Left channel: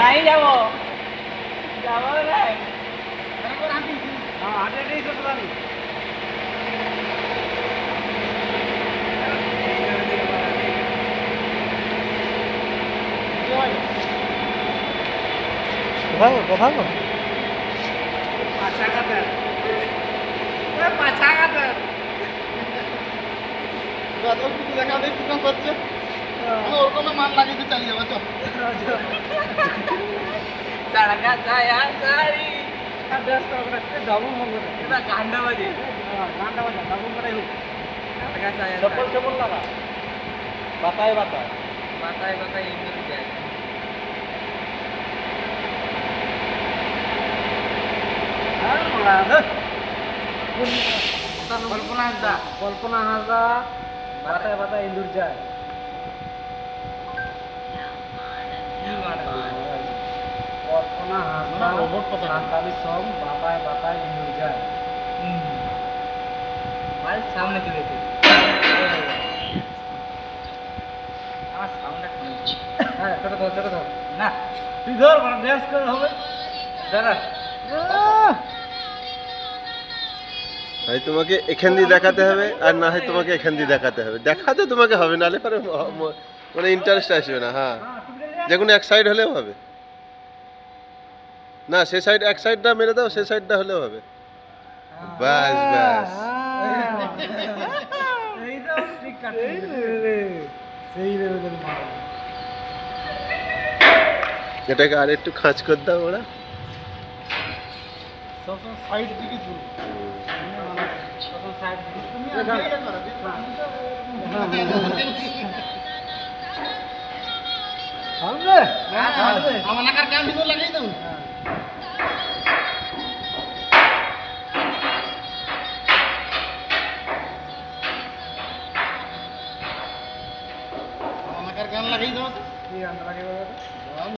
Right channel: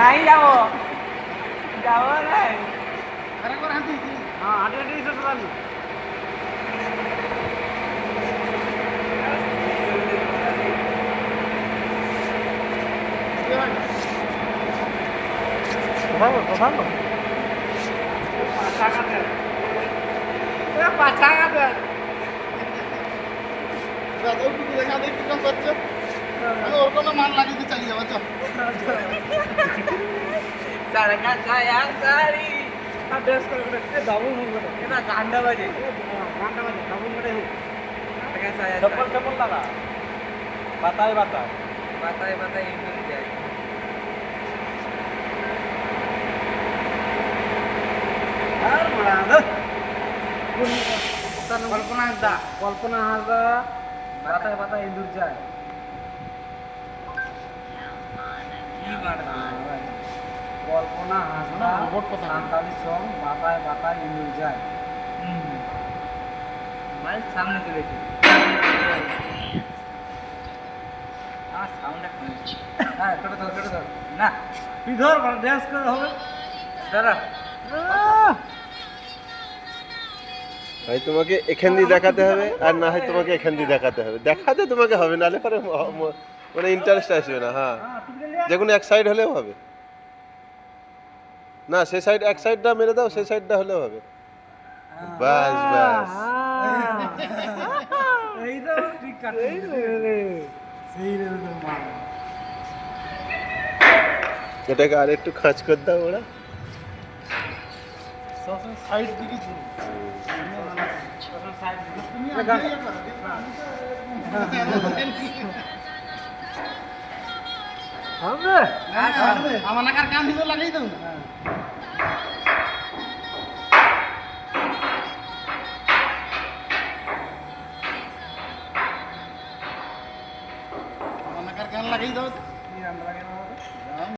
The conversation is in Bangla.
নাই যাব যাব নাই হ্যাঁ হাঁটে হাঁটেই চলে যাবি ভালো পাছা কাটেন দেখা দেখি কম করছে ওর কোনো মান লাগিয়ে চালিয়ে যাবো চল सड़का छाया सारी ड्रेस করে ডাবল মন করে এটা গান্ডা বাজে ডাবল করে হোক সড়কা छाया চপ্পল চপ্পল লাগা বাতায় বাতায় বাতায় বাতায় ইন্দুর যায় আর বড়া কোন কল্পনা হাজা বাতায় বাতায় ইন্দুর যায় কি মানে কল্পনা হাসনা রোবট কথা সান্তালি সং বাতায় বাতায় ইন্দুর যায় ভাই সামনে চলে এসে সামনে হ্যাঁ ছোট ধর না তুই ধর মানে ড্যান্স করে হবে দাঁড়া ভাই তোমাকে এখান দিয়ে দেখাতে হবে আর না হয় তোমাকে এখান দিয়ে দেখাতে হবে দেখাতে তোমাকে হবে নাহলে পরে মানে ইন্টারেস্ট আসবে না হ্যাঁ যে কোনো এক সাইড হলেও হবে না সে সাইড এক সাইডটা মেরে দাও সে সাইডটা হলেও হবে বাস বাস এই তো ঠিক কাটে সেই লেভেলের মাল এটাকে আর একটু খাঁচ করে দাও ওরা সবসময় সাইড দিকে ঝুল সাইড তুমি আমরা আমার নাকার কান ভিতর লাগাই দাও আমার নাকার কান লাগাই দাও তো আমরা লাগিয়ে দেবো